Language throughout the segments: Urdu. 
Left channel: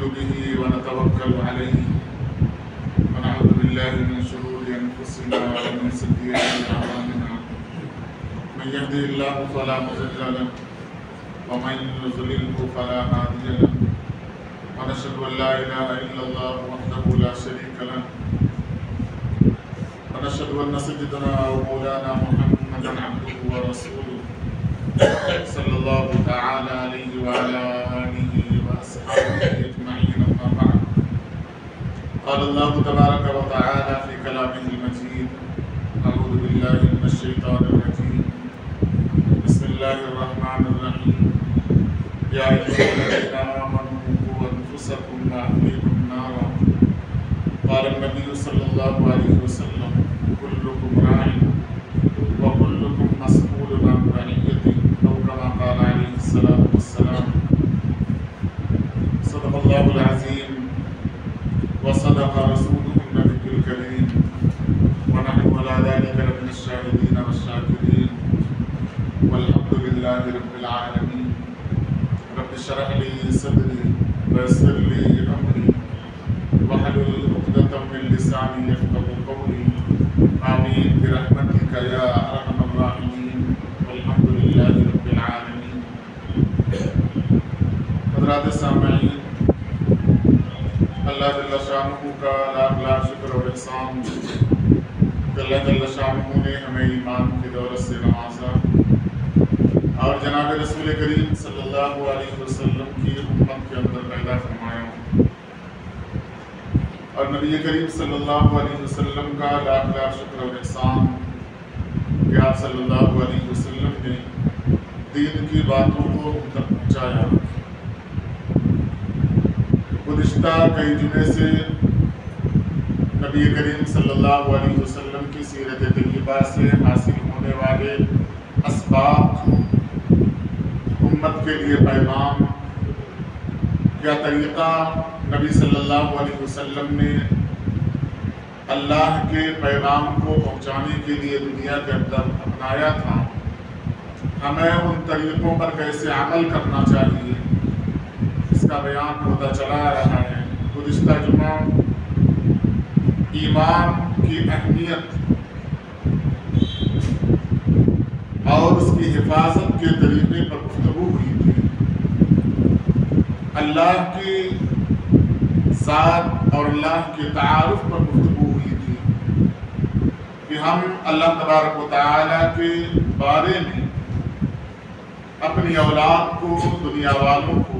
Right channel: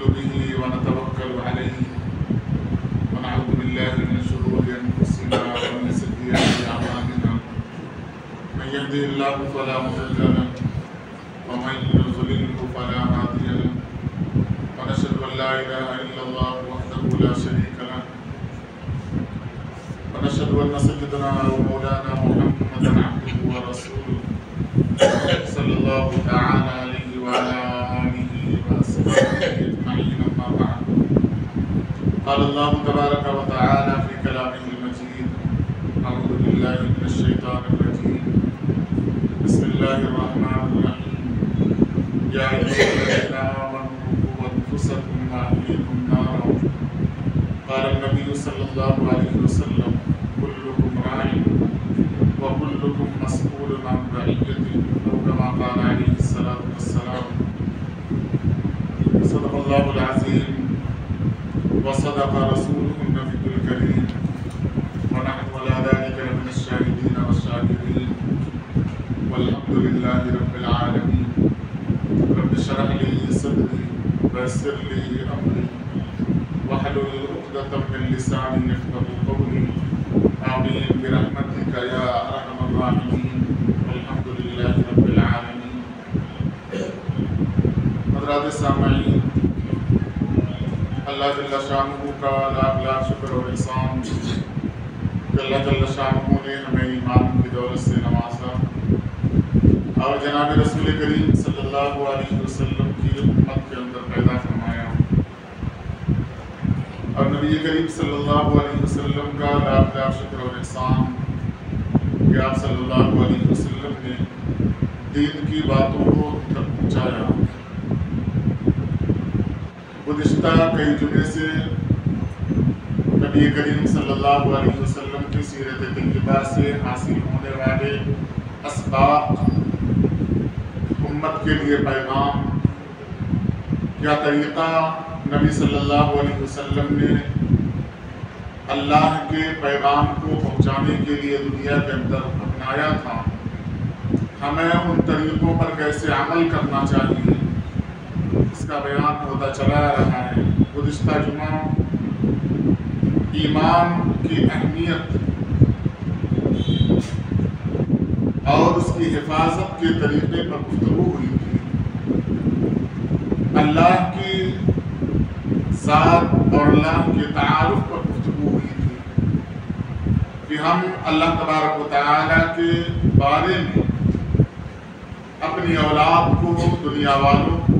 نؤمن به ونتوكل عليه ونعوذ بالله من شرور أنفسنا ومن سيئات أعمالنا من يهده الله فلا مضل له ومن يضلله فلا هادي له ونشهد أن لا إله إلا الله وحده لا شريك له ونشهد أن سيدنا ومولانا محمدا عبده ورسوله صلى الله تعالى عليه وعلى آله وأصحابه أجمعين أما بعد قال الله تبارك وتعالى في كلامه المجيد أعوذ بالله من الشيطان الرجيم بسم الله الرحمن الرحيم يا أيها الذين آمنوا قوا أنفسكم وأهليكم نارا قال النبي صلى الله عليه وسلم كلكم راع وكلكم مسؤول عن رعيته أو كما قال عليه الصلاة والسلام صدق الله العظيم وصدق رسوله النبي الكريم ونحن على ذلك لمن الشاهدين والشاكرين والحمد لله رب العالمين رب اشرح لي صدري ويسر لي أمري واحلل عقدة من لساني يفقهوا قولي آمين برحمتك يا أرحم الراحمين والحمد لله رب العالمين. حضرات سامعین، اللہ جل شانہ کا لاکھ لاکھ شکر اور احسان کہ اللہ جل شانہ نے ہمیں ایمان کی دولت سے نوازا اور جناب رسول کریم صلی اللہ علیہ وسلم کی امت کے اندر پیدا فرمایا اور نبی کریم صلی اللہ علیہ وسلم کا لاکھ لاکھ شکر اور احسان کہ آپ صلی اللہ علیہ وسلم نے دین کی باتوں کو تک پہنچایا. گزشتہ کئی جمعے سے نبی کریم صلی اللہ علیہ وسلم کی سیرت طیبہ سے حاصل ہونے والے اسباق، امت کے لیے پیغام، کیا طریقہ نبی صلی اللہ علیہ وسلم نے اللہ کے پیغام کو پہنچانے کے لیے دنیا کے اندر اپنایا تھا، ہمیں ان طریقوں پر کیسے عمل کرنا چاہیے، اس کا بیان ہوتا چلا رہا ہے. گزشتہ جمعہ ایمان کی اہمیت اور اس کی حفاظت کے طریقے پر گفتگو ہوئی تھی. اللہ کی ذات اور اللہ کے تعارف پر گفتگو ہوئی تھی کہ ہم اللہ تبارک و تعالیٰ کے بارے میں اپنی اولاد کو، دنیا والوں کو،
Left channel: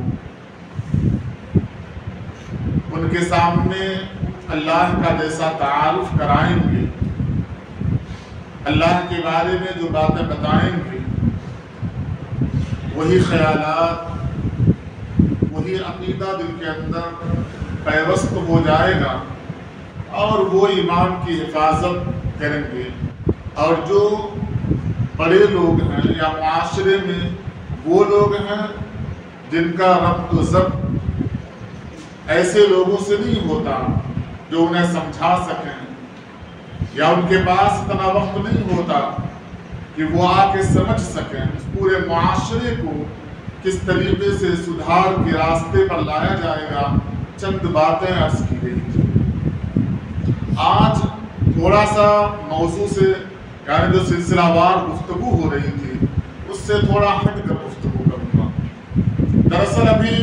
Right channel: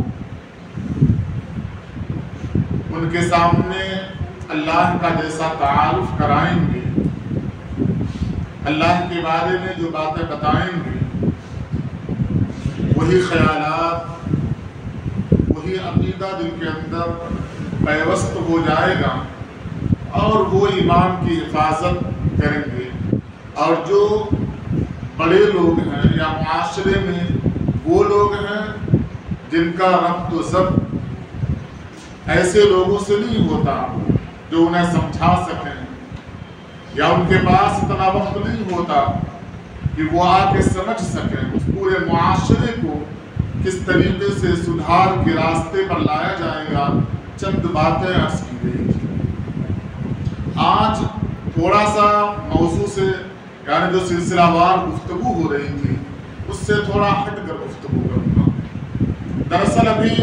ان کے سامنے اللہ کا جیسا تعارف کرائیں گے، اللہ کے بارے میں جو باتیں بتائیں گے، وہی خیالات، وہی عقیدہ دل کے اندر پیوست ہو جائے گا اور وہ ایمان کی حفاظت کریں گے. اور جو بڑے لوگ ہیں یا معاشرے میں وہ لوگ ہیں جن کا ربط و ضبط ایسے لوگوں سے نہیں ہوتا جو انہیں سمجھا سکیں، یا ان کے پاس اتنا وقت نہیں ہوتا کہ وہ آ کے سمجھ سکیں، اس پورے معاشرے کو کس طریقے سے سدھار کے راستے پر لایا جائے گا، چند باتیں عرض کی گئی تھی. آج تھوڑا سا موضوع سے، یعنی جو سلسلہ وار گفتگو ہو رہی تھی اس سے تھوڑا ہٹ کر گفتگو کروں گا. دراصل ابھی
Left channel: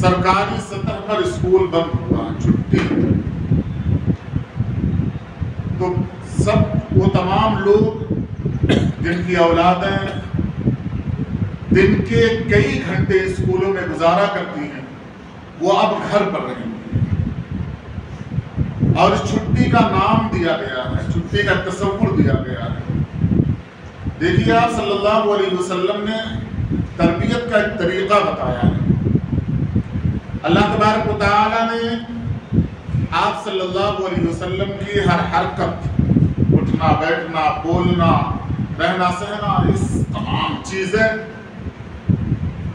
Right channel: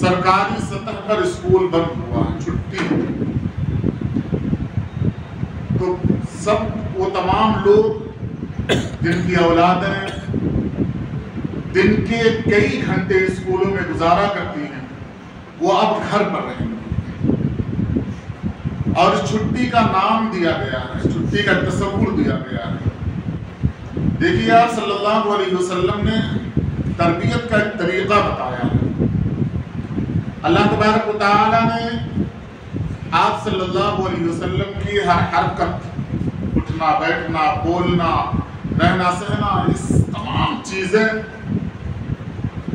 سرکاری سطح پر اسکول بند ہوا، چھٹی، تو سب وہ تمام لوگ جن کی اولادیں دن کے کئی گھنٹے اسکولوں میں گزارا کرتی ہیں وہ اب گھر پر رہیں گے اور اس چھٹی کا نام دیا گیا ہے، چھٹی کا تصور دیا گیا ہے. دیکھیے آپ صلی اللہ علیہ وسلم نے تربیت کا ایک طریقہ بتایا ہے. اللہ تبارک و تعالیٰ نے آپ صلی اللہ علیہ وسلم کی ہر حرکت، اٹھنا بیٹھنا، بولنا، رہنا سہنا، اس تمام چیزیں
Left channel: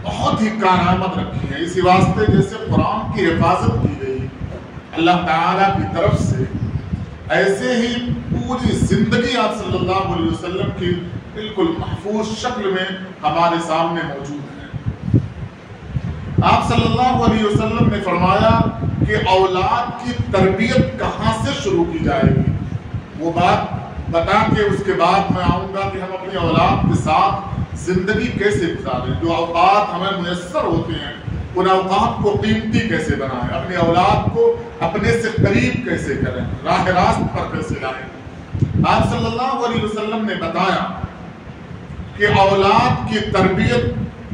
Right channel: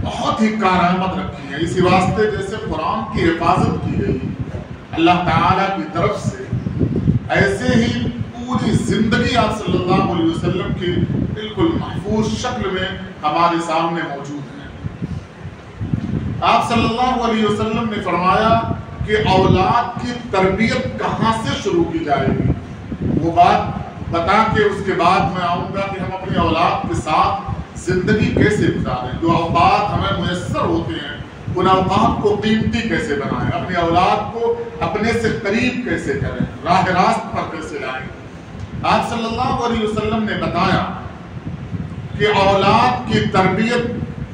بہت ہی کارآمد رکھی ہیں. اسی واسطے جیسے قرآن کی حفاظت کی گئی اللہ تعالیٰ کی طرف سے، ایسے ہی پوری زندگی آپ صلی اللہ علیہ وسلم کی بالکل محفوظ شکل میں ہمارے سامنے موجود ہے. آپ صلی اللہ علیہ وسلم نے فرمایا کہ اولاد کی تربیت کہاں سے شروع کی جائے گی، وہ بات بتا کے اس کے بعد میں آؤں گا کہ ہم اپنی اولاد کے ساتھ زندگی کیسے گزاریں، جو اوقات ہمیں میسر ہوتے ہیں ان اوقات کو قیمتی کیسے بنائیں، اپنی اولاد کو اپنے سے قریب کیسے کریں، راہ راست پر کیسے لائیں۔ آپ صلی اللہ علیہ وسلم نے بتایا کہ اولاد کی تربیت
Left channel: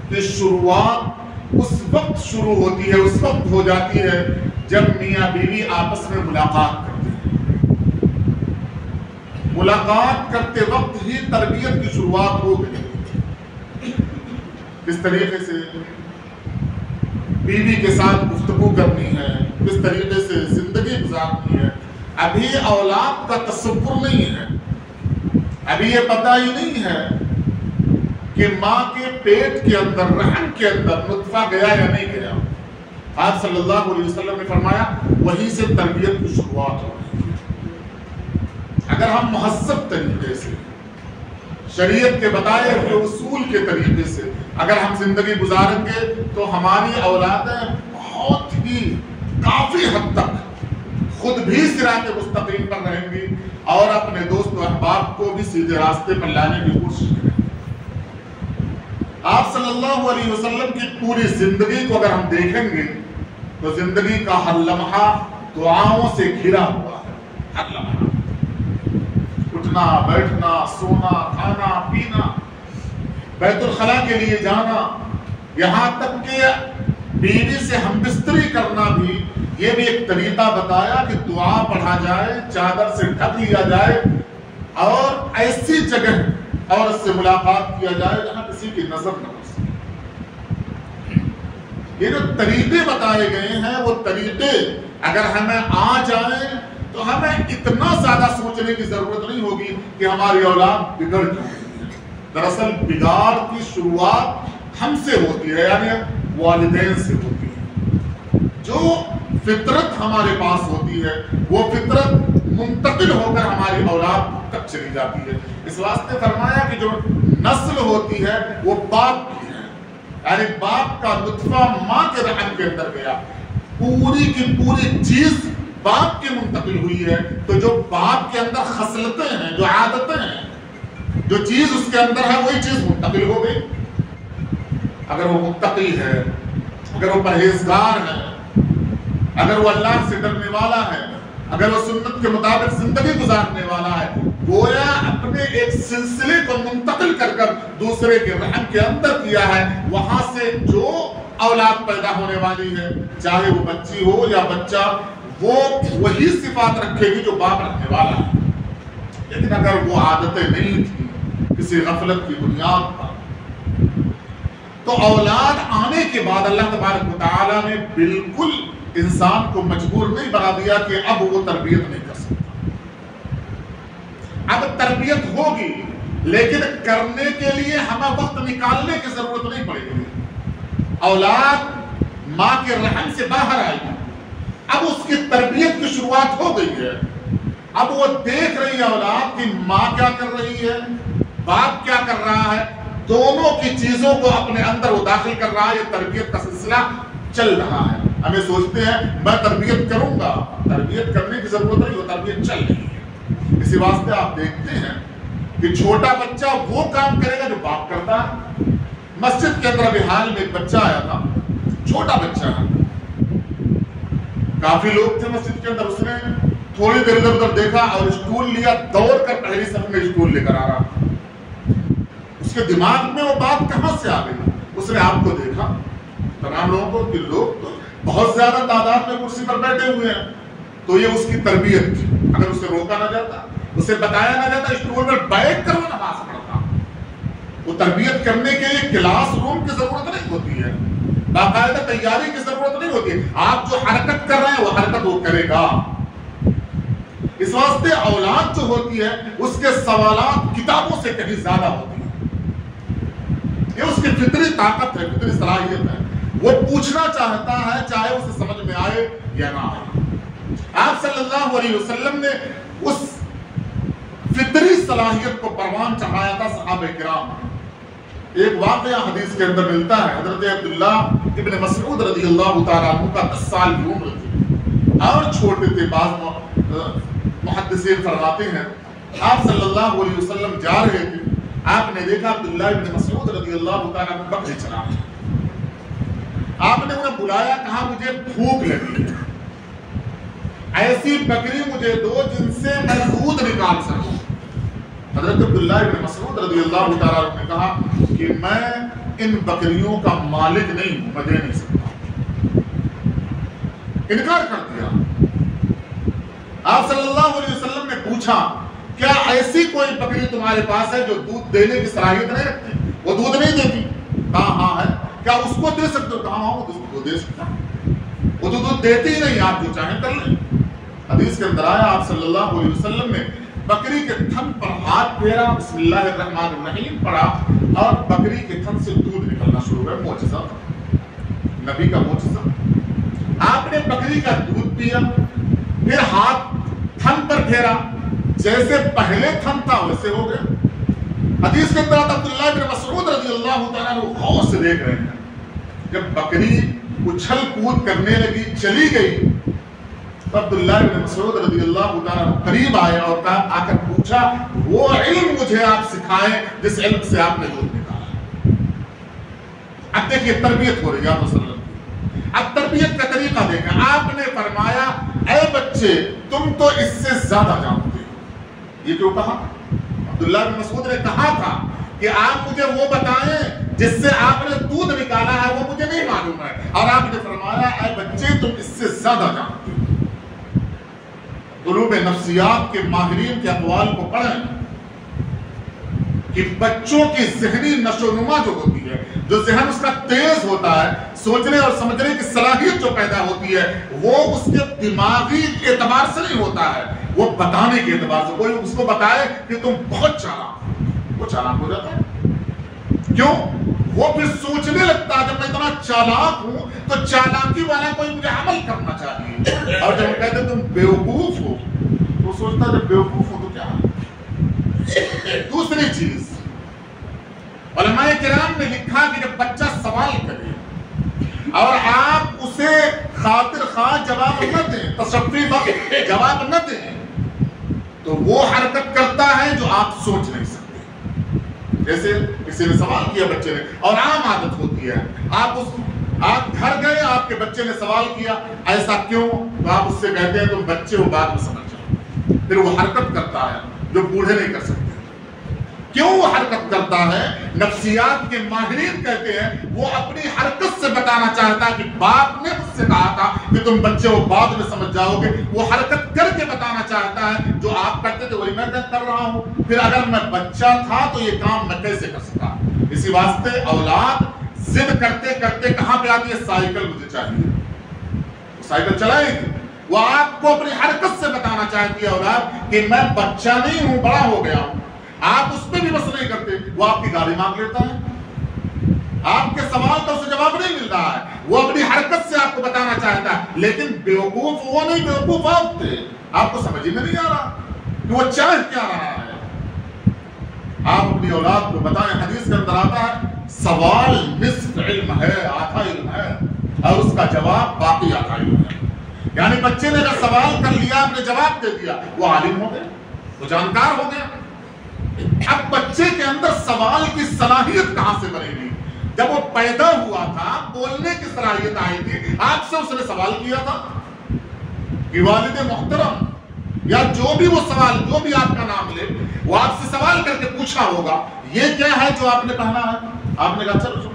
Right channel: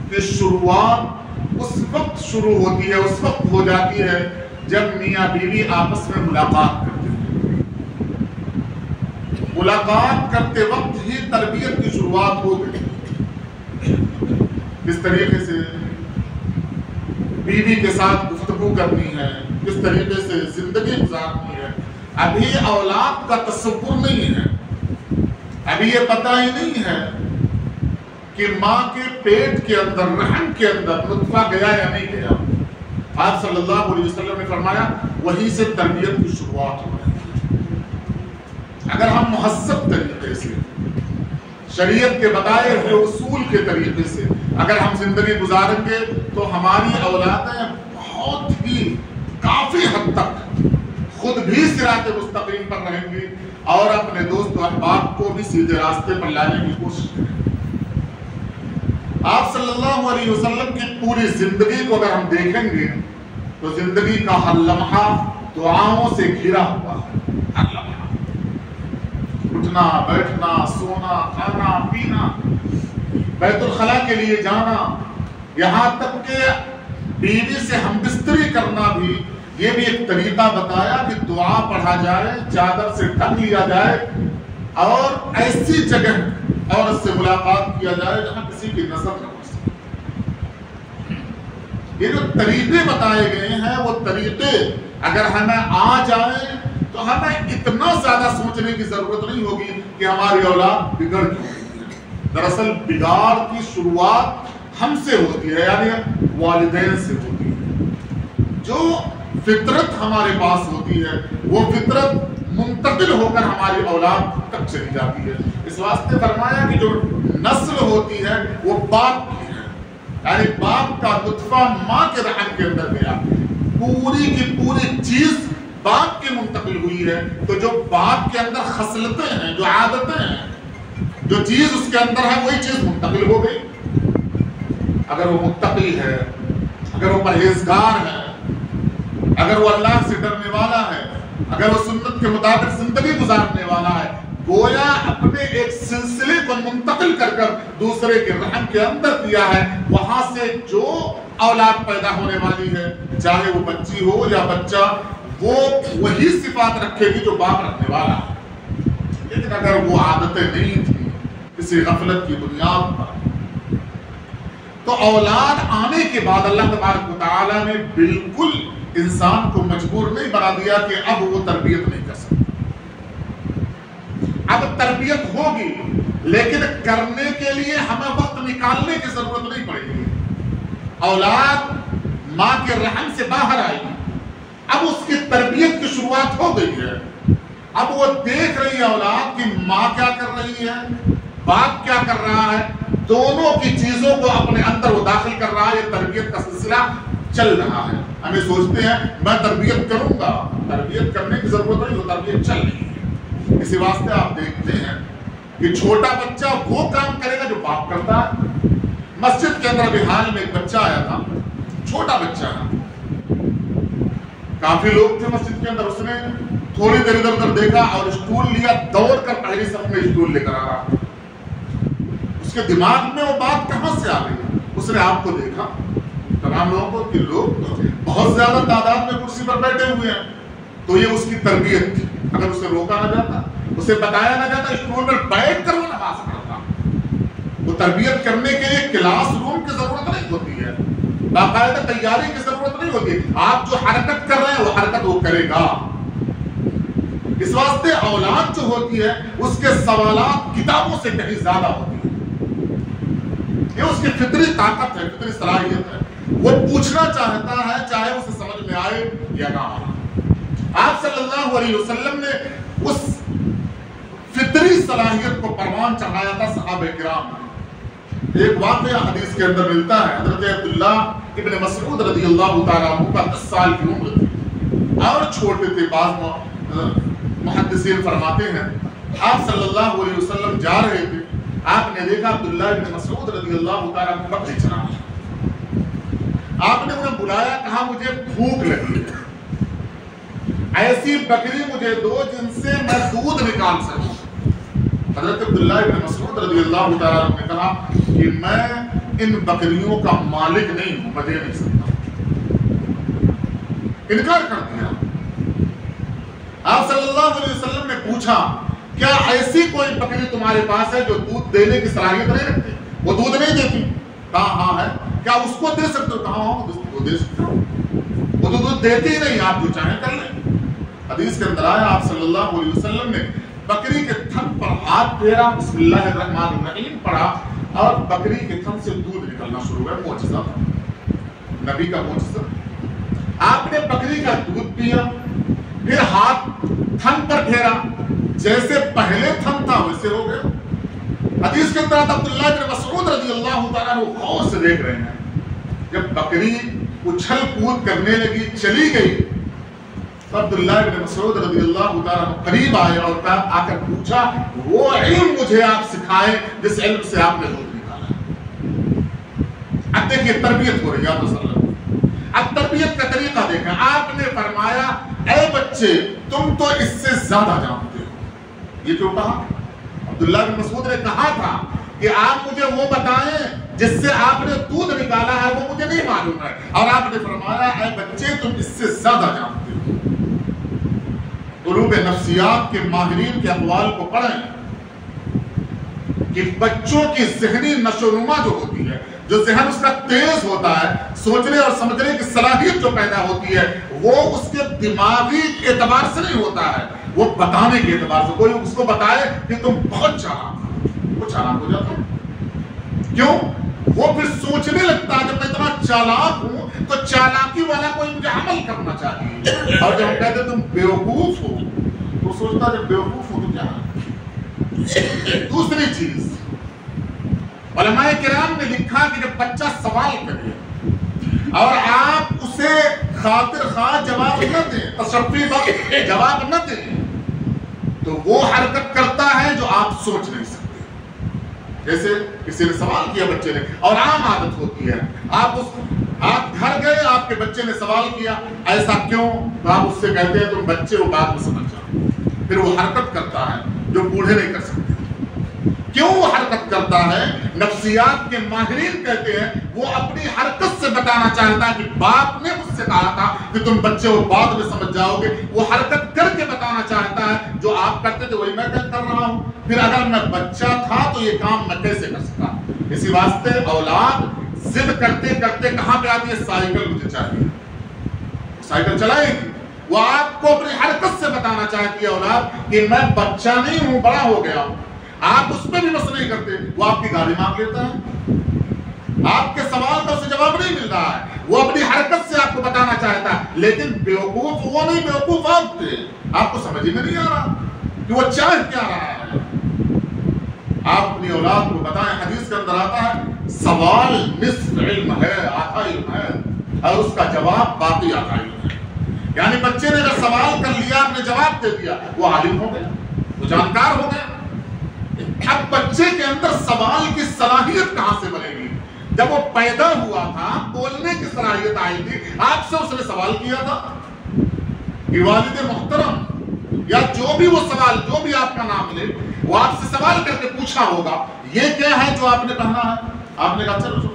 کی شروعات اس وقت شروع ہوتی ہے، اس وقت ہو جاتی ہے جب میاں بیوی آپس میں ملاقات کرتے ہیں۔ ملاقات کرتے وقت ہی تربیت کی شروعات ہو گئی۔ کس طریقے سے بیوی کے ساتھ گفتگو کرنی ہے، کس طریقے سے زندگی گزارنی ہے، ابھی اولاد کا تصور نہیں ہے، ابھی یہ پتہ ہی نہیں ہے کہ ماں کے پیٹ کے اندر، رحم کے اندر نطفہ گیا یا نہیں گیا۔ آپ صلی اللہ علیہ وسلم نے فرمایا وہیں سے تربیت کی شروعات ہو رہی ہے۔ اگر ہم مہذب طریقے سے، شریعت کے بتائے ہوئے اصول کے طریقے سے اگر ہم زندگی گزاریں گے تو ہماری اولادیں بہت ہی کافی حد تک خود بھی صراط مستقیم پر رہیں گی اور اپنے دوست و احباب کو بھی سیدھے راستے پر لانے کی کوشش کریں گے۔ آپ صلی اللہ علیہ وسلم کی پوری زندگی کو اگر ہم دیکھیں گے تو زندگی کا ہر لمحہ دعاؤں سے گھرا ہوا ہے، ہر لمحہ اٹھنا، بیٹھنا، سونا، کھانا، پینا، بیت الخلاء کے لیے جانا، یہاں تک کہ بیوی سے ہم بستری کرنا بھی، یہ بھی ایک طریقہ بتایا کہ دعا پڑھا جائے، چادر سے ڈھک لیا جائے اور ایسی جگہ عورت سے ملاقات کیا جائے جہاں کسی کی نظر نہ ہو سکے۔ یہ جو طریقے بتائے گئے ہیں وہ طریقے اگر ہمیں آ جائیں تو ہمیں اتنا زیادہ سوچنے کی ضرورت نہیں ہوگی کہ ہماری اولاد بگڑ کیوں رہی ہے۔ دراصل بگاڑ کی شروعات ہم سے ہوتی ہے، یعنی والدین سے ہوتی ہے۔ جو فطرت ہمارے پاس ہوتی ہے وہ فطرت منتقل ہو کر ہماری اولاد تک چلی جاتی ہے۔ اس واسطے فرمایا کہ جو نسل ہوتی ہے وہ باپ کی ہے، یعنی باپ کا نطفہ ماں کے رحم کے اندر گیا، پوری کی پوری چیز باپ کی منتقل ہوئی ہے۔ تو جو باپ کے اندر خصلتیں ہیں، جو عادتیں ہیں، جو چیز اس کے اندر ہے وہی چیز منتقل ہو گئی۔ اگر وہ متقی ہے، اگر وہ پرہیزگار ہے، اگر وہ اللہ سے ڈرنے والا ہے، اگر وہ سنت کے مطابق زندگی گزارنے والا ہے، گویا اپنے ایک سلسلے کو منتقل کر کر دوسرے کے رحم کے اندر کیا ہے، وہاں سے جو اولاد پیدا ہونے والی ہے، چاہے وہ بچی ہو یا بچہ، وہ وہی صفات رکھے گی جو باپ رکھنے والا ہے۔ لیکن اگر وہ عادتیں نہیں تھیں کسی غفلت کی بنیاد پر، تو اولاد آنے کے بعد اللہ تبارک و تعالیٰ نے بالکل انسان کو مجبور نہیں بنا دیا کہ اب وہ تربیت نہیں کر سکتا۔ اب تربیت ہوگی لیکن کرنے کے لیے ہمیں وقت نکالنے کی ضرورت نہیں پڑے گی۔ اولاد ماں کے رحم سے باہر آئی، اب اس کی تربیت کی شروعات ہو گئی ہے۔ اب وہ دیکھ رہی ہے اولاد کی ماں کیا کر رہی ہے، باپ کیا کر رہا ہے، دونوں کی چیزوں کو اپنے اندر وہ داخل کر رہا ہے۔ یہ تربیت کا سلسلہ چل رہا ہے۔ ہمیں سوچتے ہیں میں تربیت کروں گا، تربیت کرنے کی ضرورت نہیں، وہ تربیت چل رہی ہے۔ اسی واسطے آپ دیکھتے ہیں کہ چھوٹا بچہ وہ کام کرے گا جو باپ کرتا ہے۔ مسجد کے اندر ابھی حال میں ایک بچہ آیا تھا، چھوٹا بچہ ہے، کافی لوگ تھے مسجد کے اندر، اس نے تھوڑی دیر ادھر ادھر دیکھا اور اسٹول لیا، دوڑ کر پہلی صف میں اسٹول لے کر آ رہا۔ اس کے دماغ میں وہ بات کہاں سے آ گئی؟ اس نے آپ کو دیکھا، تمام لوگوں کو، کہ لوگ بہت زیادہ تعداد میں کرسی پر بیٹھے ہوئے ہیں، تو یہ اس کی تربیت تھی۔ اگر اسے روکا نہ جاتا، اسے بتایا نہ جاتا، اسٹول پر بیٹھ کر وہ نماز پڑھتا۔ وہ تربیت کرنے کے لیے کلاس روم کی ضرورت نہیں ہوتی ہے، باقاعدہ تیاری کی ضرورت نہیں ہوتی ہے۔ آپ جو حرکت کر رہے ہیں وہ حرکت وہ کرے گا۔ اس واسطے اولاد جو ہوتی ہے اس کے سوالات کتابوں سے کہیں زیادہ ہوتی ہیں۔ یہ اس کی فطری طاقت ہے، فطری صلاحیت ہے، وہ پوچھنا چاہتا ہے چاہے اسے سمجھ میں آئے یا نہ آئے۔ آپ صلی اللہ علیہ وسلم نے اس فطری صلاحیت کو پروان چڑھایا تھا صحابہ کرام۔ ایک واقعہ حدیث کے اندر ملتا ہے، حضرت عبداللہ ابن مسعود رضی اللہ تعالیٰ عنہ کا 10 سال کی عمر تھی اور چھوٹے تھے. بعض محدثین فرماتے ہیں آپ صلی اللہ علیہ وسلم جا رہے تھے, آپ نے دیکھا عبداللہ ابن مسعود رضی اللہ تعالیٰ عنہ بکری چرا رہے. آپ نے انہیں بلایا, کہا مجھے بھوک لگی ہے, ایسی بکری مجھے دو جن سے میں دودھ نکال سکوں. حضرت عبداللہ ابن مسعود رضی اللہ تعالیٰ عنہ نے کہا کہ میں ان بکریوں کا مالک نہیں ہوں, میں دے نہیں سکتا. انکار کر دیا. آپ صلی اللہ علیہ وسلم نے پوچھا کیا ایسی کوئی بکری تمہارے پاس ہے جو دودھ دینے کی صلاحیت نہیں رکھتی؟ وہ دودھ نہیں دیتی. کہا ہاں ہے. کیا اس کو دے سکتے ہو؟ کہا ہاں وہ دے سکتے ہو. وہ تو دودھ دیتی ہی نہیں, آپ جو چاہیں کر لیں. حدیث کے اندر آیا آپ صلی اللہ علیہ وسلم نے بکری کے تھن پر ہاتھ پھیرا, بسم اللہ الرحمن الرحیم پڑھا اور بکری کے تھن سے دودھ نکلنا شروع ہوا. معجزہ, نبی کا معجزہ. آپ نے بکری کا دودھ پیا, پھر ہاتھ تھن پر پھیرا, جیسے پہلے تھن تھا ویسے ہو گیا. حدیث کے اندر عبداللہ بن مسعود رضی اللہ تعالیٰ عنہ غور سے دیکھ رہے ہیں. جب بکری اچھل کود کرنے لگی, چلی گئی, تو عبداللہ بن مسعود رضی اللہ تعالیٰ عنہ قریب آئے اور آ کر پوچھا وہ علم مجھے آپ سکھائیں جس علم سے آپ نے دودھ نکالا. اب دیکھیے تربیت ہو رہی ہے آپ وسلم. اب تربیت کا طریقہ دیکھیں. آپ نے فرمایا اے بچے تم تو اس سے زیادہ جانتے ہو. یہ کیوں کہا؟ عبداللہ بن مسعود نے کہا تھا کہ آپ مجھے وہ بتائیں جس سے آپ نے دودھ نکالا ہے, وہ مجھے نہیں معلوم ہے. اور آپ نے فرمایا اے بچے تم اس سے زیادہ جانتے ہو. علوم نفسیات کے ماہرین کے اقوال کو پڑھیں کہ بچوں کی ذہنی نشو و نما جو ہوتی ہے, جو ذہن اس کا تیز ہوتا ہے, سوچنے اور سمجھنے کی صلاحیت جو پیدا ہوتی ہے, وہ اس کے دماغی اعتبار سے نہیں ہوتا ہے, وہ بتانے کے اعتبار سے. کوئی اس کو بتائے کہ تم بہت چالاک, وہ چالاک ہو جاتا ہے. کیوں؟ وہ پھر سوچنے لگتا ہے جب میں اتنا چالاک ہوں تو چالاکی والا کوئی مجھے عمل کرنا چاہیے. اور جب کہتے تم بیوقوف ہو تو سوچتا جب بیوقوف ہو تو کیا. دوسری چیز, علماء کرام نے لکھا کہ جب بچہ سوال کرے اور آپ اسے خاطر خواہ جواب نہ دیں, تشفی بخش جواب نہ دیں, تو وہ حرکت کرتا ہے جو آپ سوچ نہیں سکتے. جیسے کسی نے سوال کیا بچے نے, اور عام عادت ہوتی ہے, آپ گھر گئے, آپ کے بچے نے سوال کیا ایسا کیوں, تو آپ اس سے کہتے ہیں تم بچے ہو بعد میں سمجھ جاؤ. پھر وہ حرکت کرتا ہے جو بوڑھے نہیں کر سکتے. کیوں وہ حرکت کرتا ہے؟ نفسیات کے ماہرین کہتے ہیں وہ اپنی حرکت سے بتانا چاہتا ہے کہ باپ نے مجھ سے کہا تھا کہ تم بچے ہو بعد میں سمجھ جاؤ گے. وہ حرکت کر کے بتانا چاہتا ہے جو آپ کرتے تھے وہی میں کر رہا ہوں. پھر اگر میں بچہ تھا تو یہ کام میں کیسے کر سکتا. اسی واسطے اولاد ضد کرتے کرتے کہاں پہ آتی ہے, سائیکل مجھے چاہیے, سائیکل چلائے گی. وہ آپ کو اپنی حرکت سے بتانا چاہتی ہے اولاد کہ میں بچہ نہیں ہوں, بڑا ہو گیا ہوں. آپ اس پہ بھی بس نہیں کرتے, وہ آپ کی گاڑی مانگ لیتا ہے, آپ کے سوال کا اسے جواب نہیں مل رہا ہے, وہ اپنی حرکت سے آپ کو بتانا چاہتا ہے. لیکن بیوقوف وہ نہیں, بیوقوف آپ تھے, آپ کو سمجھ میں نہیں آ رہا کہ وہ چاہ کیا رہا ہے. آپ اپنی اولاد کو بتائیں. حدیث کے اندر آتا ہے سوال نصف علم ہے, آدھا علم ہے, اور اس کا جواب باقی آدھا علم ہے. یعنی بچے نے اگر سوال کر لیا, آپ نے جواب دے دیا, وہ عالم ہو گیا, وہ جانکار ہو گیا. اب بچے کے اندر سوال کی صلاحیت کہاں سے بنے گی؟ جب وہ پیدا ہوا تھا بولنے کی صلاحیت آئی تھی, آپ سے اس نے سوال کیا تھا کہ والد محترم, یا جو بھی وہ سوال, جو بھی آپ کا نام لے, وہ آپ سے سوال کر کے پوچھا ہوگا یہ کیا ہے جو آپ نے پہنا ہے. آپ نے کہا چلو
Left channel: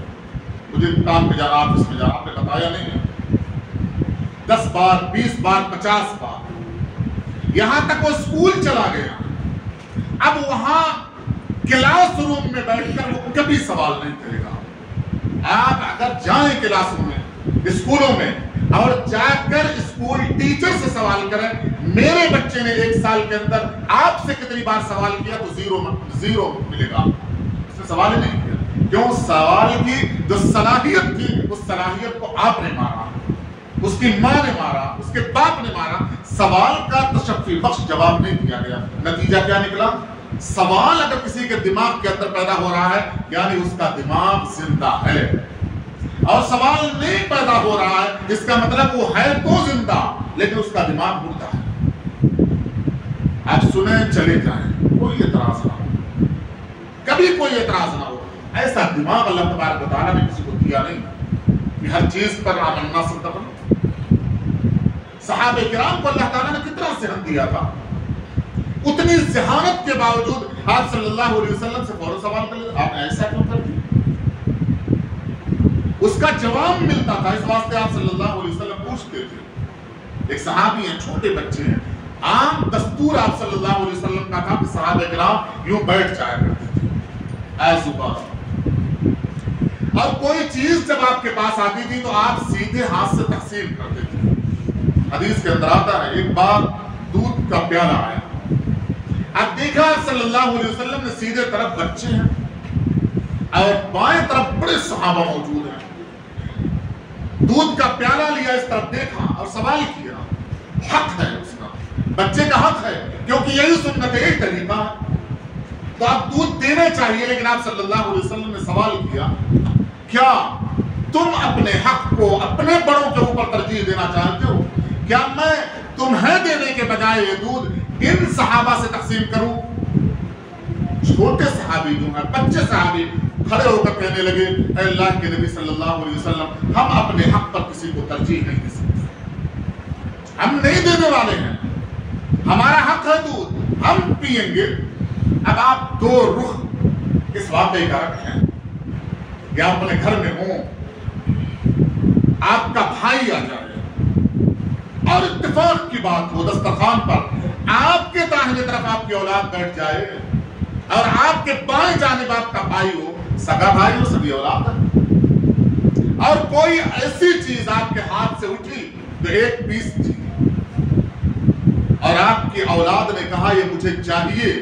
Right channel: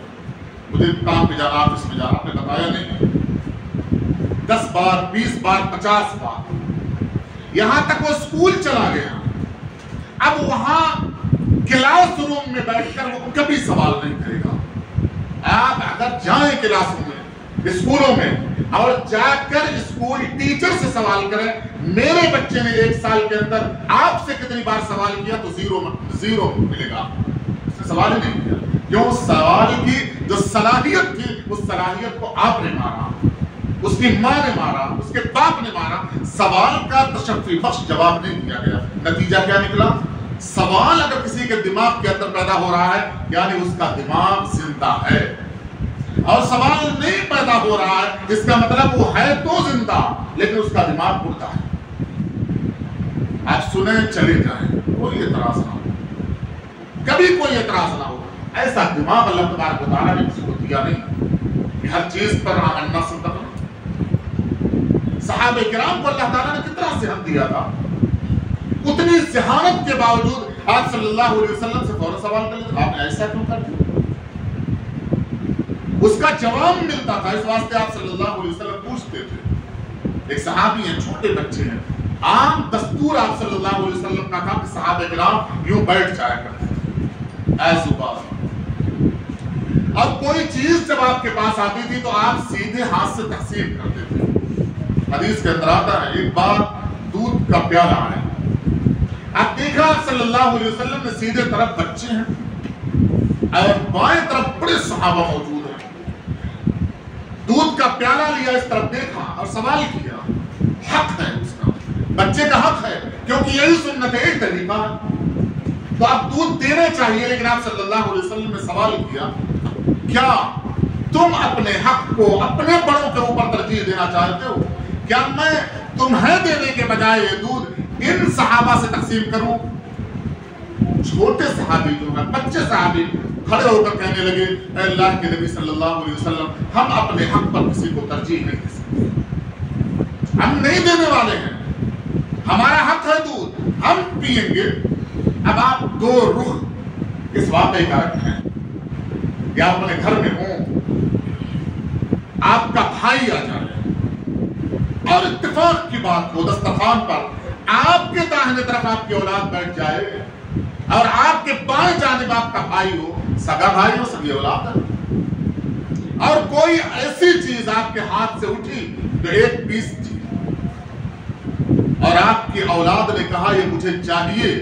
مجھے کام پہ جانا, آفس میں جانا. آپ نے بتایا نہیں. 10 بار 20 بار 50 بار, یہاں تک وہ اسکول چلا گیا. اب وہاں کلاس روم میں بیٹھ کر وہ کبھی سوال نہیں کرے گا. آپ اگر جائیں کلاس روم میں, اسکولوں میں, اور جا کر اسکول ٹیچر سے سوال کریں میرے بچے نے 1 سال کے اندر آپ سے کتنی بار سوال کیا, تو زیرو ملے گا. اس نے سوال ہی نہیں کیا. کیوں؟ سوال کی جو صلاحیت تھی اس صلاحیت کو آپ نے مارا, اس کی ماں نے مارا, اس کے باپ نے مارا. سوال کا تشفی بخش جواب نہیں دیا گیا. نتیجہ کیا نکلا؟ سوال اگر کسی کے دماغ کے اندر پیدا ہو رہا ہے یعنی اس کا دماغ زندہ ہے. اور سوال نہیں پیدا ہو رہا ہے، اس کا مطلب وہ ہے تو زندہ لیکن اس کا دماغ مردہ ہے۔ آپ سنیں چلے جائیں، کوئی اعتراض نہ ہو، کبھی کوئی اعتراض نہ ہو۔ ایسا دماغ اللہ تبارک و تعالیٰ نے کسی کو دیا نہیں کہ ہر چیز پر آمنا صدقنا۔ صحابہ کرام کو اللہ تعالیٰ نے کتنا ذہن دیا تھا، اتنی ذہانت کے باوجود آپ صلی اللہ علیہ وسلم سے فوراً سوال کر لیتے، آپ نے ایسا کیوں کر دیا؟ اس کا جواب ملتا تھا، اس واسطے آپ صلی اللہ علیہ وسلم پوچھتے تھے۔ ایک صحابی ہیں، چھوٹے بچے ہیں، عام دستور آپ صلی اللہ علیہ وسلم کا تھا کہ صحابہ کرام یوں بیٹھ جایا کرتے تھے ایزوباس، اور کوئی چیز جب آپ کے پاس آتی تھی تو آپ سیدھے ہاتھ سے تقسیم کرتے تھے۔ حدیث کے اندر آتا ہے ایک بار دودھ کا پیالہ آیا، اب دیکھا صلی اللہ علیہ وسلم نے سیدھے طرف بچے ہیں اور بائیں طرف بڑے صحابہ موجود ہیں، دودھ کا پیالہ لیا، اس طرف دیکھا اور سوال کیا، حق ہے اس کا، بچے کا حق ہے کیونکہ یہی سنت ہے، ایک طریقہ ہے تو اب دودھ دینا چاہیے، لیکن آپ صلی اللہ علیہ وسلم نے سوال کیا، کیا تم اپنے حق کو اپنے بڑوں کے اوپر ترجیح دینا چاہتے ہو؟ کیا میں تمہیں دینے کے بجائے یہ دودھ ان صحابہ سے تقسیم کروں؟ چھوٹے صحابی جو ہیں، بچے صحابی کھڑے ہو کر کہنے لگے، اے اللہ کے نبی صلی اللہ علیہ وسلم، ہم اپنے حق پر کسی کو ترجیح نہیں دے سکتے، ہم نہیں دینے والے ہیں، ہمارا حق ہے دودھ، ہم پیئیں گے۔ اب آپ دو رخ اس واقعے کا رکھیں، یا اپنے گھر میں ہوں، آپ کا بھائی آ جائے اور اتفاق کی بات ہو دسترخوان پر آپ کے داہنے طرف آپ کی اولاد بیٹھ جائے اور آپ کے بائیں جانب آپ کا بھائی ہو، سگا بھائی ہو، سگی اولاد ہے، اور کوئی ایسی چیز آپ کے ہاتھ سے اٹھی جو ایک پیس تھی اور آپ کی اولاد نے کہا یہ مجھے چاہیے،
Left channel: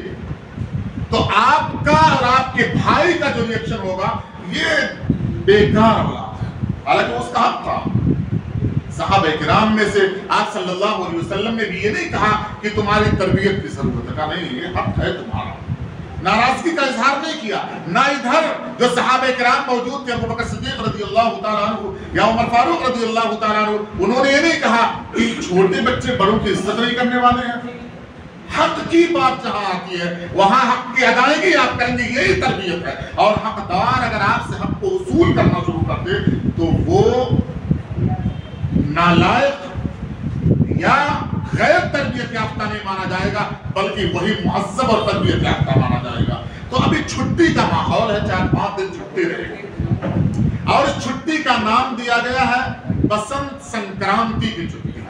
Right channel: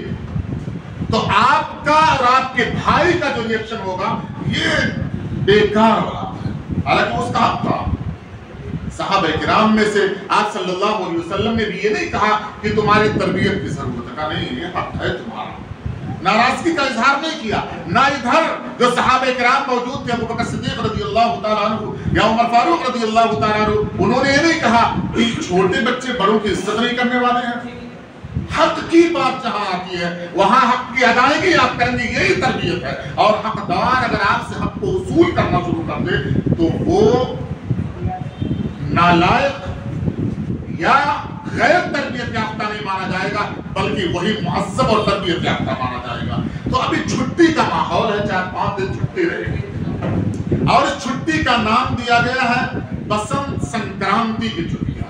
تو آپ کا اور آپ کے بھائی کا جو ری ایکشن ہوگا یہ بیکار اولاد ہے، حالانکہ اس کا حق تھا۔ صحابہ کرام میں سے آپ صلی اللہ علیہ وسلم نے بھی یہ نہیں کہا کہ تمہاری تربیت کی ضرورت ہے، کہا نہیں یہ حق ہے تمہارا، ناراضگی کا اظہار نہیں کیا۔ نہ ادھر جو صحابہ کرام موجود تھے، ابو بکر صدیق رضی اللہ تعالیٰ عنہ یا عمر فاروق رضی اللہ تعالیٰ عنہ، انہوں نے یہ نہیں کہا کہ چھوٹے بچے بڑوں کی عزت نہیں کرنے والے ہیں۔ حق کی بات جہاں آتی ہے وہاں حق کی ادائیگی آپ کریں گے، یہی تربیت ہے، اور حقدار اگر آپ سے حق کو وصول کرنا شروع کر دے تو وہ نالائق یا غیر تربیت یافتہ نہیں مانا جائے گا، بلکہ وہی مہذب اور تربیت یافتہ مانا جائے گا۔ تو ابھی چھٹی کا ماحول ہے، 4-5 دن چھٹی رہے گی، اور اس چھٹی کا نام دیا گیا ہے بسنت سنکرانتی کی چھٹی۔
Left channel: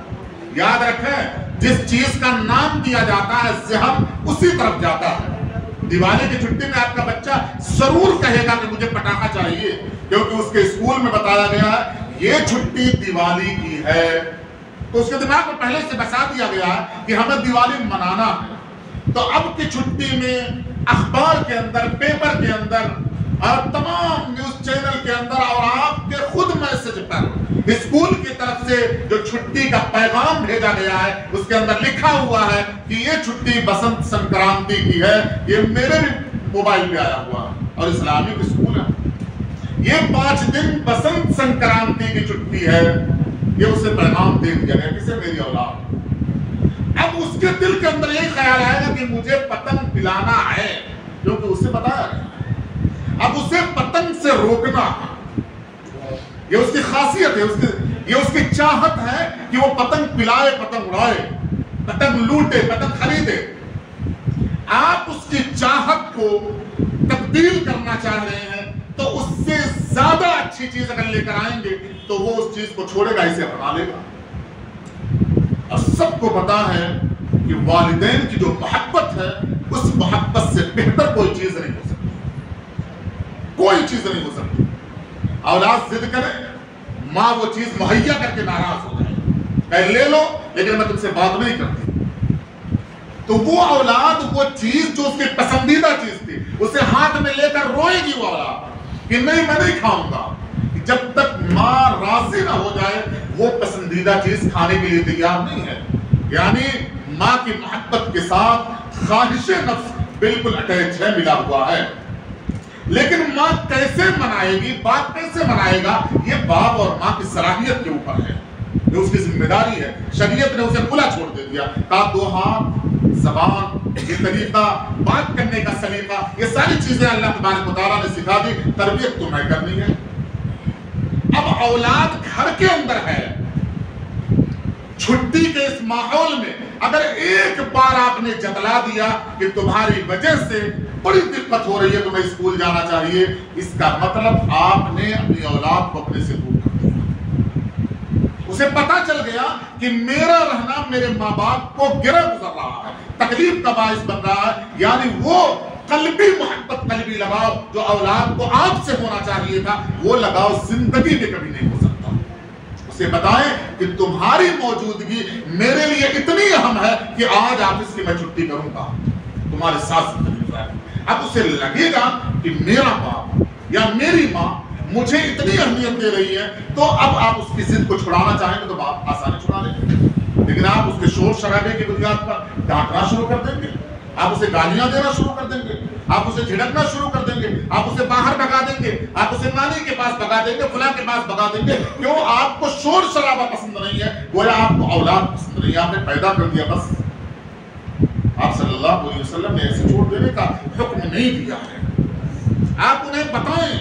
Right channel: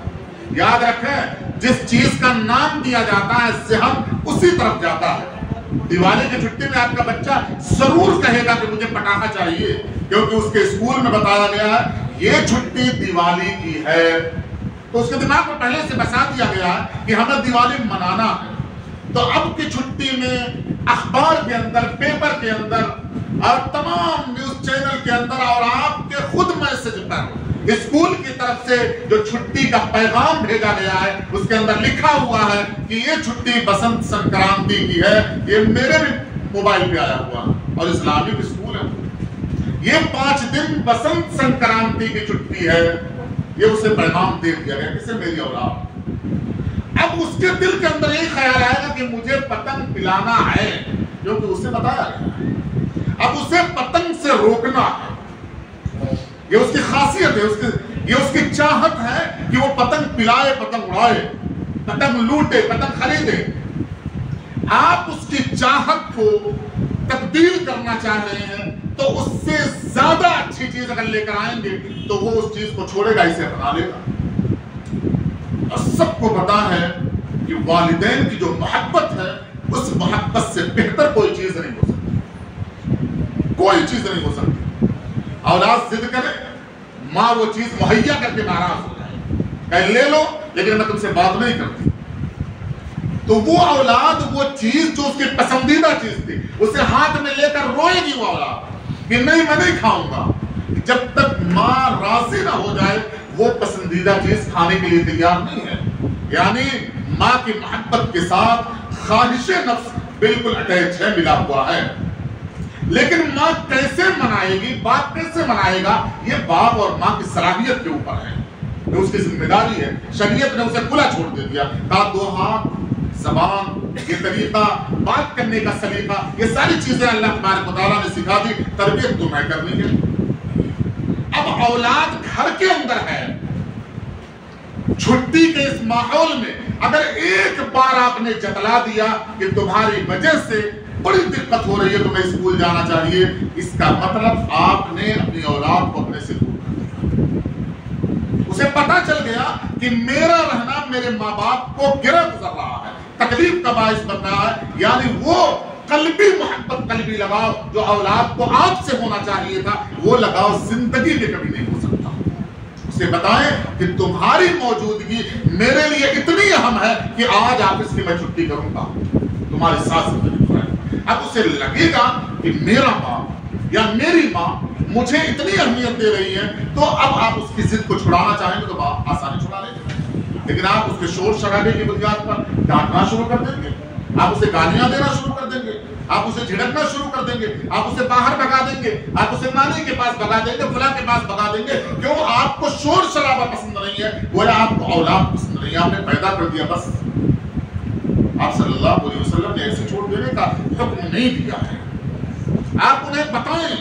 یاد رکھیں جس چیز کا نام دیا جاتا ہے ذہن اسی طرف جاتا ہے۔ دیوالی کی چھٹی میں آپ کا بچہ ضرور کہے گا کہ مجھے پٹاخہ چاہیے، کیونکہ اس کے اسکول میں بتایا گیا ہے یہ چھٹی دیوالی کی ہے، تو اس کے دماغ میں پہلے سے بسا دیا گیا ہے کہ ہمیں دیوالی منانا ہے۔ تو اب کی چھٹی میں اخبار کے اندر، پیپر کے اندر اور تمام نیوز چینل کے اندر اور آپ کے خود میسج پر اسکول کی طرف سے جو چھٹی کا پیغام بھیجا گیا ہے اس کے اندر لکھا ہوا ہے کہ یہ چھٹی بسنت سنکرانتی کی ہے۔ یہ میرے بھی موبائل پہ آیا ہوا اور اسلامک اسکول ہے، یہ 5 دن بسنت سنکرانتی کی چھٹی ہے، یہ اسے پیغام دے دیا گیا، کسے؟ میری اولاد۔ اب اس کے دل کے اندر یہی خیال آئے گا کہ مجھے پتنگ پلانا ہے، کیونکہ اسے بتایا گیا، اب اسے پتنگ سے روکنا ہے، یہ اس کی خاصیت ہے، یہ اس کی چاہت ہے کہ وہ پتنگ پلائے، پتنگ اڑائے، پتنگ لوٹے، پتنگ خریدے۔ آپ اس کی چاہت کو تبدیل کرنا چاہ رہے ہیں تو اس سے زیادہ اچھی چیز اگر لے کر آئیں گے تو وہ اس چیز کو چھوڑے گا، اسے اپنا لے گا۔ اور سب کو پتا ہے کہ والدین کی جو محبت ہے اس محبت سے بہتر کوئی چیز نہیں ہو سکتی، کوئی چیز نہیں ہو سکتی۔ اولاد ضد کرے، ماں وہ چیز مہیا کر کے ناراض ہو جائے، کہے لے لو لیکن میں تم سے بات نہیں کرتی، تو وہ اولاد وہ چیز جو اس کی پسندیدہ چیز تھی اسے ہاتھ میں لے کر روئے گی وہ اولاد کہ نہیں میں نہیں کھاؤں گا، جب تک ماں راضی نہ ہو جائے وہ پسندیدہ چیز کھانے کے لیے تیار نہیں ہے۔ یعنی ماں کی محبت کے ساتھ خواہش نفس بالکل اٹیچ ہے، ملا ہوا ہے۔ لیکن ماں کیسے منائے گی، باپ کیسے منائے گا، یہ باپ اور ماں کی صلاحیت کے اوپر ہے، یہ اس کی ذمہ داری ہے۔ شریعت نے اسے کھلا چھوڑ دے دیا، کہا 2 ہاتھ، زبان، یہ طریقہ، بات کرنے کا سلیقہ، یہ ساری چیزیں اللہ تبارک و تعالیٰ نے سکھا دی، تربیت تمہیں کرنی ہے۔ اب اولاد گھر کے اندر ہے، چھٹی کے اس ماحول میں اگر ایک بار آپ نے جتلا دیا کہ تمہاری وجہ سے بڑی دقت ہو رہی ہے، تمہیں اسکول جانا چاہیے، اس کا مطلب آپ نے اپنی اولاد کو اپنے سے دور کر دیا۔ اسے پتا چل گیا کہ میرا رہنا میرے ماں باپ کو گرہ گزر رہا ہے، تکلیف کا باعث بن رہا ہے، یعنی وہ قلبی محبت، قلبی لگاؤ جو اولاد کو آپ سے ہونا چاہیے تھا، وہ لگاؤ زندگی میں کبھی نہیں ہو سکتا۔ اسے بتائیں کہ تمہاری موجودگی میرے لیے اتنی اہم ہے کہ آج آفس کی میں چھٹی کروں گا، تمہارے ساتھ زندگی گزارے۔ اب اسے لگے گا کہ میرا باپ یا میری ماں مجھے اتنی اہمیت دے رہی ہے، تو اب آپ اس کی ضد کو چھڑانا چاہیں گے تو باپ آسانی چھڑا لیں گے، لیکن آپ اس کے شور شرابے کی بنیاد پر ڈانٹنا شروع کر دیں گے، آپ اسے گالیاں دینا شروع کر دیں گے، آپ اسے جھڑکنا شروع کر دیں گے، آپ اسے باہر بھگا دیں گے، آپ اسے نانی کے پاس بھگا دیں گے، فلاں کے پاس بھگا دیں گے، کیوں؟ آپ کو شور شرابہ پسند نہیں ہے، گویا آپ کو اولاد پسند نہیں ہے، آپ نے پیدا کر دیا بس۔ آپ صلی اللہ علیہ وسلم نے ایسے چھوڑ دینے کا حکم نہیں دیا ہے، آپ انہیں بتائیں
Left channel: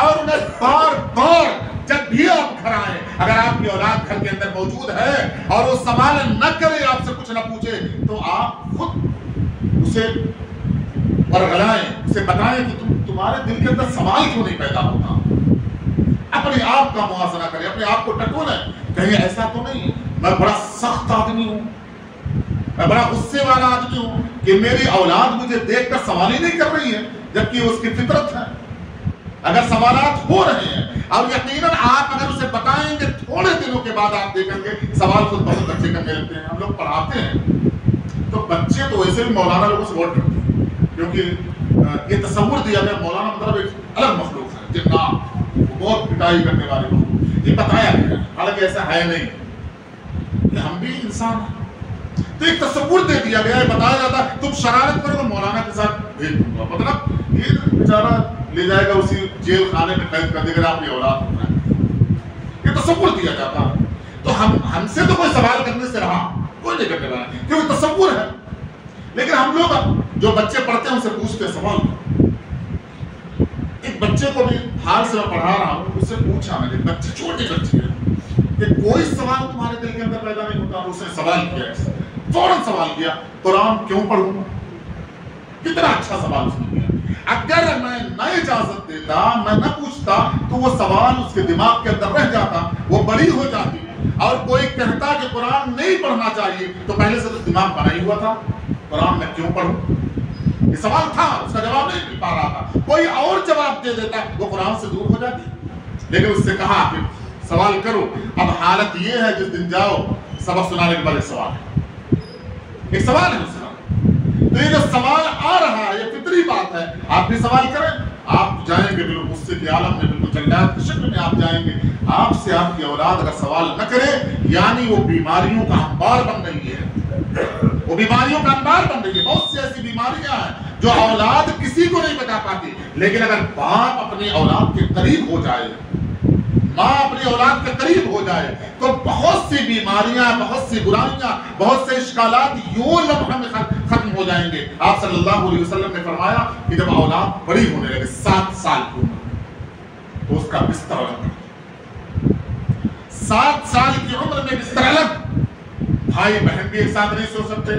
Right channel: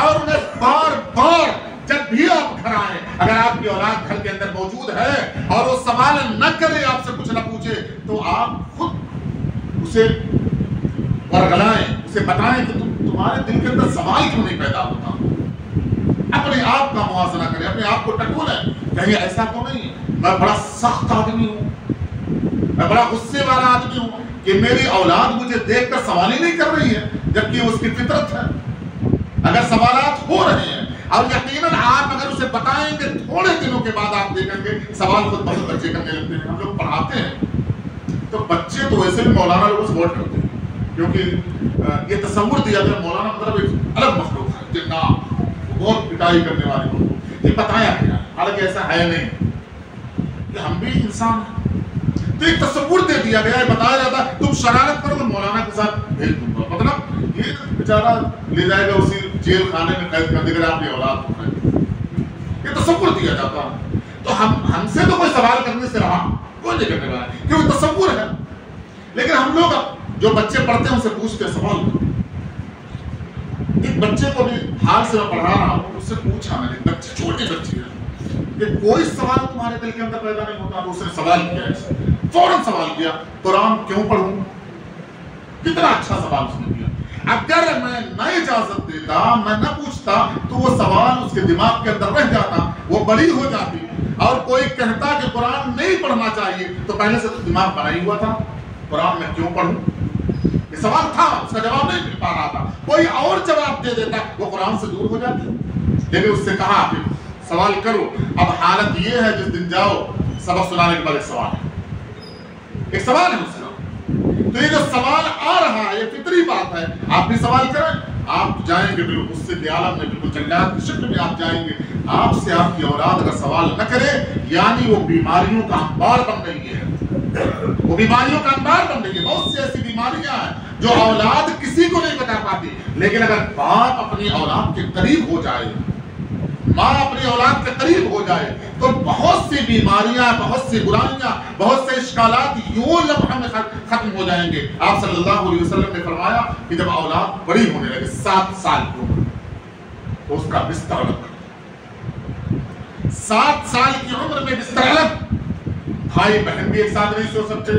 اور انہیں بار بار جب بھی آپ گھر آئیں، اگر آپ کی اولاد گھر کے اندر موجود ہے اور وہ سوال نہ کرے، آپ سے کچھ نہ پوچھے، تو آپ خود اسے ورغلائیں، اسے بتائیں کہ تمہارے دل کے اندر سوال کیوں نہیں پیدا ہوتا، اپنے آپ کا موازنہ کریں، اپنے آپ کو ٹٹولیں، کہیں ایسا تو نہیں میں بڑا سخت آدمی ہوں، میں بڑا غصے والا آدمی ہوں کہ میری اولاد مجھے دیکھ کر سوال ہی نہیں کر رہی ہے، جبکہ اس کی فطرت ہے۔ اگر سوالات ہو رہے ہیں اور یقیناً آپ اگر اسے بتائیں گے، تھوڑے دنوں کے بعد آپ دیکھیں گے سوال خود بہت بچے کرنے لگتے ہیں۔ ہم لوگ پڑھاتے ہیں تو بچے تو ویسے بھی مولانا لوگوں سے ووٹ کرتے ہیں، کیونکہ یہ تصور دیا گیا مولانا مطلب ایک الگ مخلوق ہے، جنات، بہت پٹائی کرنے والے لوگ، یہ بتایا گیا، حالانکہ ایسا ہے نہیں، کہ ہم بھی انسان ہیں۔ تو ایک تصور دے دیا گیا ہے، بتایا جاتا ہے تم شرارت کرو تو مولانا کے ساتھ بھیج دوں گا، مطلب یہ بیچارہ لے جائے گا اسی جیل خانے میں قید کر دے گا، آپ کی اولاد ہونا ہے، یہ تصور دیا جاتا ہے۔ تو ہم سے تو کوئی سوال کرنے سے رہا کوئی نہیں کرنے والا، کیونکہ تصور ہے، لیکن ہم لوگ جو بچے پڑھتے ہیں ان سے پوچھتے ہیں سوال۔ ایک بچے کو بھی حال سے میں پڑھا رہا ہوں، اس سے پوچھا میں نے، بچے چھوٹی بچی ہے کہ کوئی سوال تمہارے دل کے اندر پیدا نہیں ہوتا، اس نے سوال کیا، فوراً سوال کیا قرآن کیوں پڑھوں؟ کتنا اچھا سوال اس نے کیا۔ اگر میں نہ اجازت دیتا، میں نہ پوچھتا، تو وہ سوال اس کے دماغ کے اندر رہ جاتا، وہ بڑی ہو جاتی، اور کوئی کہتا کہ قرآن نہیں پڑھنا چاہیے تو پہلے سے تو دماغ بنا ہی ہوا تھا، قرآن میں کیوں پڑھوں؟ یہ سوال تھا، اس کا جواب نہیں مل پا رہا تھا، کوئی اور جواب دے دیتا وہ قرآن سے دور ہو جاتی، لیکن اس سے کہا کہ سوال کرو۔ اب حالت یہ ہے جس دن جاؤ سبق سنانے کے بعد ایک سوال ہے، ایک سوال ہے اس کا، تو یہ جو سوال آ رہا ہے یہ فطری بات ہے، آپ بھی سوال کریں، آپ جائیں گے بالکل غصے کے عالم میں، بالکل جلدات کی شکل میں آپ جائیں گے، آپ سے آپ کی اولاد اگر سوال نہ کرے، یعنی وہ بیماریوں کا انبار بن رہی ہے، وہ بیماریوں کا انبار بن رہی ہے۔ بہت سی ایسی بیماریاں ہیں جو اولاد کسی کو نہیں بتا پاتی، لیکن اگر باپ اپنی اولاد کے قریب ہو جائے، ماں اپنی اولاد کے قریب ہو جائے، تو بہت سی بیماریاں، بہت سی برائیاں، بہت سے اشکالات یوں لمحہ میں ختم ہو جائیں گے۔ آپ صلی اللہ علیہ وسلم نے فرمایا کہ جب اولاد بڑی ہونے لگے 7 سال کی عمر، تو اس کا بستر الگ کر دیا۔ 7 سال کی عمر میں بستر الگ، بھائی بہن بھی ایک ساتھ نہیں سو سکتے،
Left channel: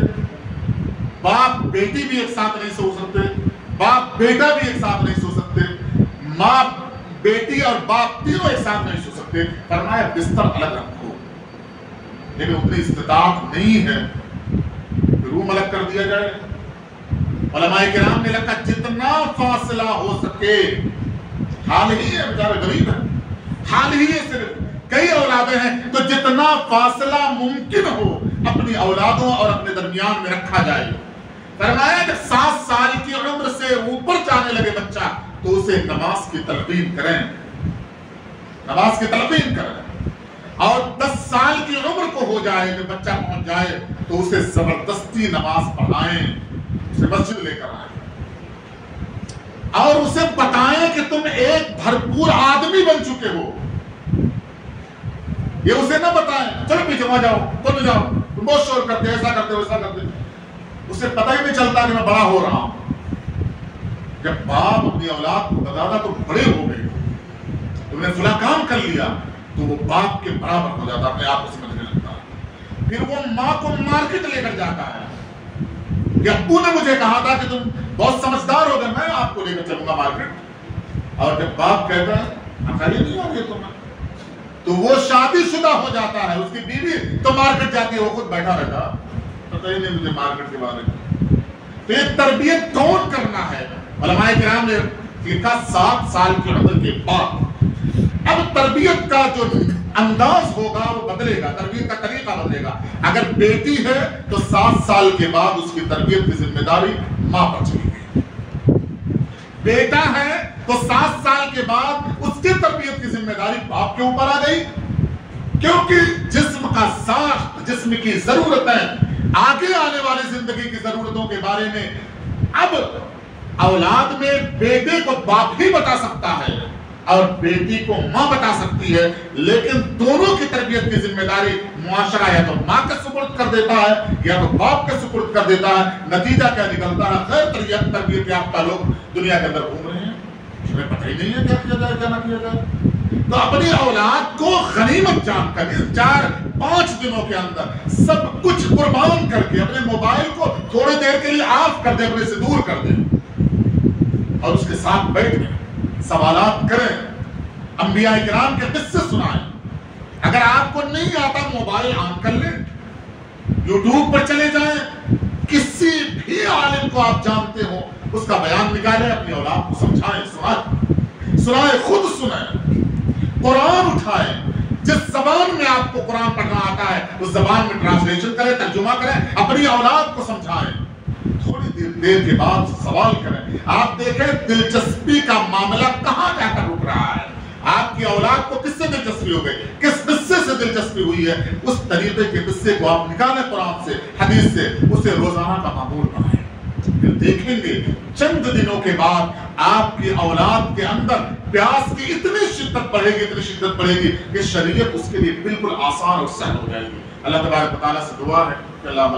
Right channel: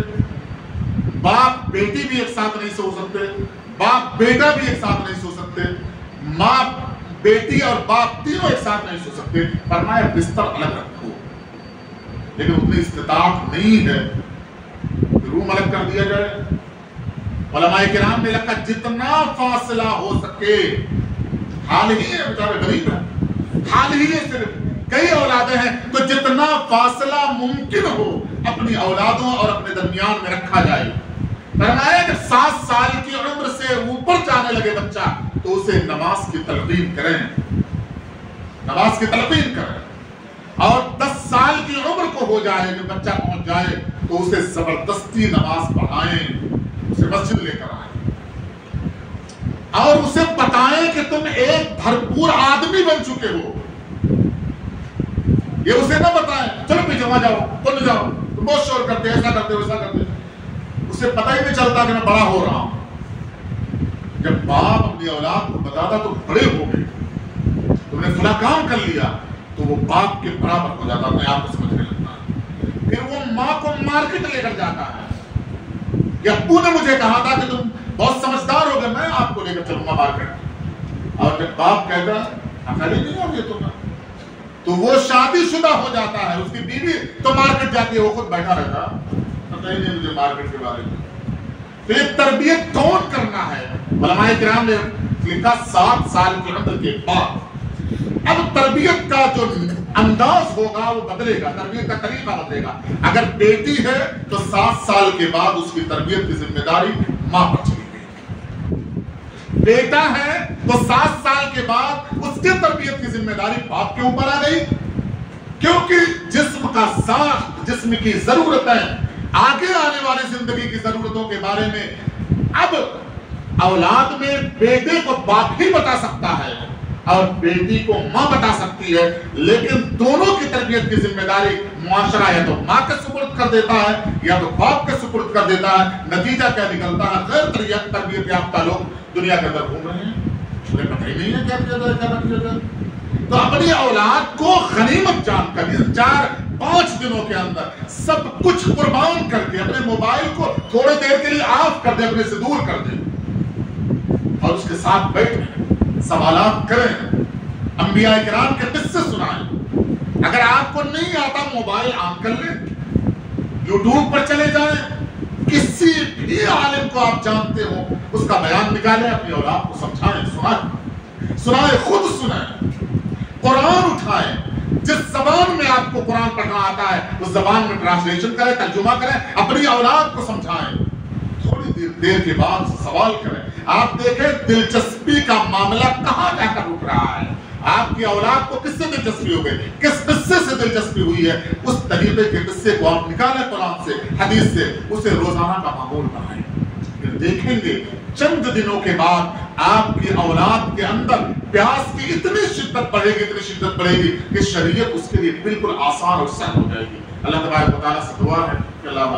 باپ بیٹی بھی ایک ساتھ نہیں سو سکتے، باپ بیٹا بھی ایک ساتھ نہیں سو سکتے، ماں بیٹی اور باپ تینوں ایک ساتھ نہیں سو سکتے، فرمایا بستر الگ رکھو، لیکن اتنی استطاعت نہیں ہے کہ روم الگ کر دیا جائے۔ علماء کرام نے لکھا جتنا فاصلہ ہو سکے، حال ہی ہے، بیچارے غریب ہیں، حال ہی ہے، صرف کئی اولادیں ہیں، تو جتنا فاصلہ ممکن ہو اپنی اولادوں اور اپنے درمیان میں رکھا جائے۔ فرمایا جب 7 سال کی عمر سے اوپر جانے لگے بچہ تو اسے نماز کی تلقین کریں، نماز کی تلقین کریں، اور 10 سال کی عمر کو ہو جائے جب بچہ پہنچ جائے تو اسے زبردستی نماز پڑھائیں، اسے مسجد لے کر آئیں۔ اور اسے بتائیں کہ تم ایک بھرپور آدمی بن چکے ہو. یہ اسے نہ بتائیں چلو پیچھے وہاں جاؤ تم جاؤ تم بہت شور کرتے ایسا کرتے ویسا کرتے. اسے پتہ ہی نہیں چلتا کہ میں بڑا ہو رہا ہوں. جب باپ اپنی اولاد کو بتاتا تو بڑے ہو گئے تم نے فلاں کام کر لیا تو وہ باپ کے برابر ہو جاتا اپنے آپ کو سمجھنے لگتا. پھر وہ ماں کو مارکیٹ لے کر جاتا ہے کہ ابو نے مجھے کہا تھا کہ تم بہت سمجھدار ہو گئے میں آپ کو لے کر چلوں گا مارکیٹ. اور جب باپ کہتا ہے عقل ہی نہیں آ گئی تمہیں تو وہ شادی شدہ ہو جاتا ہے. اس کی بیوی تو مارکیٹ جاتی ہے وہ خود بیٹھا رہتا پتہ ہی نہیں مجھے مارکیٹ کے بارے میں. تو یہ تربیت کون کرنا ہے؟ علماء کرام نے لکھا 7 سال کی عمر کے بعد. اب تربیت کا جو انداز ہوگا وہ بدلے گا, تربیت کا طریقہ بدلے گا. اگر بیٹی ہے تو 7 سال کے بعد اس کی تربیت کی ذمہ داری ماں پر چلی گئی. بیٹا ہے تو 7 سال کے بعد اس کی تربیت کی ذمہ داری باپ کے اوپر آ گئی, کیونکہ جسم کا ساخت, جسم کی ضرورتیں, آگے آنے والی زندگی کی ضرورتوں کے بارے میں اب اولاد میں بیٹے کو باپ ہی بتا سکتا ہے اور بیٹی کو ماں بتا سکتی ہے, لیکن دونوں کی تربیت کی ذمہ داری معاشرہ یا تو ماں کے سپرد کر دیتا ہے یا تو باپ کے سپرد کر دیتا ہے. نتیجہ کیا نکلتا ہے؟ غیر تربیت یافتہ لوگ دنیا کے اندر گھوم رہے ہیں, انہیں پتہ ہی نہیں ہے کیا کیا جائے کیا نہ کیا جائے. تو اپنی اولاد کو غنیمت جان کر 4-5 دنوں کے اندر سب کچھ قربان کر کے اپنے موبائل کو تھوڑے دیر کے لیے آف کر دے, اپنے سے دور کر دے اور اس کے ساتھ بیٹھیں, سوالات کریں, انبیاء کرام کے قصے سنائیں. اگر آپ کو نہیں آتا موبائل آن کر لیں, یوٹیوب پر چلے جائیں, کسی بھی عالم کو آپ جانتے ہو اس کا بیان نکالیں, اپنی اولاد کو سمجھائیں, سنائیں, خود سنائیں, قرآن اٹھائیں. جس زبان میں آپ کو قرآن پڑھنا آتا ہے اس زبان میں ٹرانسلیشن کریں, ترجمہ کریں, اپنی اولاد کو سمجھائیں. تھوڑی دیر کے بعد سوال کریں. آپ دیکھیں دلچسپی کا معاملہ کہاں جا کر رک رہا ہے. آپ کی اولاد کو کس سے دلچسپی ہو گئی, کس قصے سے دلچسپی ہوئی ہے, اس طریقے کے قصے کو آپ نکالیں قرآن سے, حدیث سے, اسے روزانہ کا معمول بنائیں. پھر دیکھیں گے چند دنوں کے بعد آپ کی اولاد کے اندر پیاس کی اتنی شدت بڑھے گی, اتنی شدت بڑھے گی کہ شریعت اس کے لیے بالکل آسان اور سہل ہو جائے گی. اللہ تبارک و تعالیٰ سے دعا ہے کہ اللہ